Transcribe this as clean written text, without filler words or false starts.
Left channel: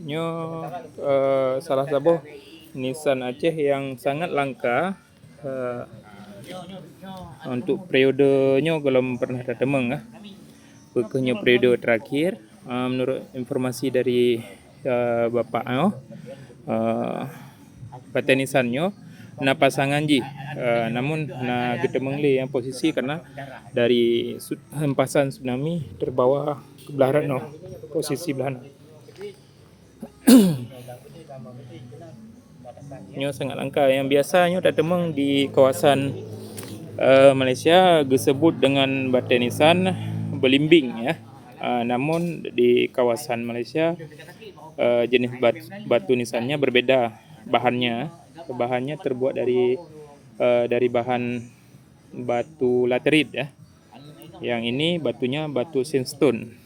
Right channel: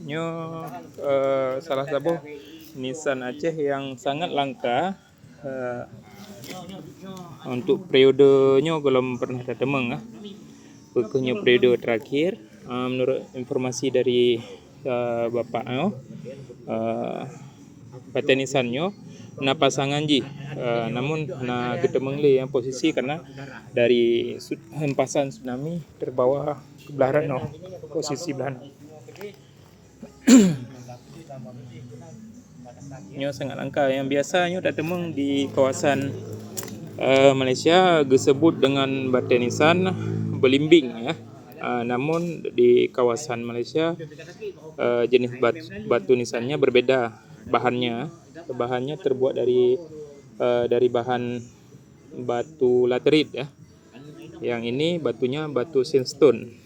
Nyo salah satu Nisan Aceh yang sangat langka uh, untuk periodenya belum pernah tertemung ah. Bukannya periode terakhir menurut informasi dari bapaknya Bata Nisannya na pasangan ji namun na ketemung le yang posisi karena dari hempasan tsunami terbawa ke belah no posisi belah no. Nyo sangat langka yang biasanya tertemung di kawasan Malaysia disebut dengan Bata Nisan Belimbing ya. Namun di kawasan Malaysia jenis batu nisannya berbeda bahannya. Bahannya terbuat dari bahan batu laterit ya. Yang ini batunya batu sandstone.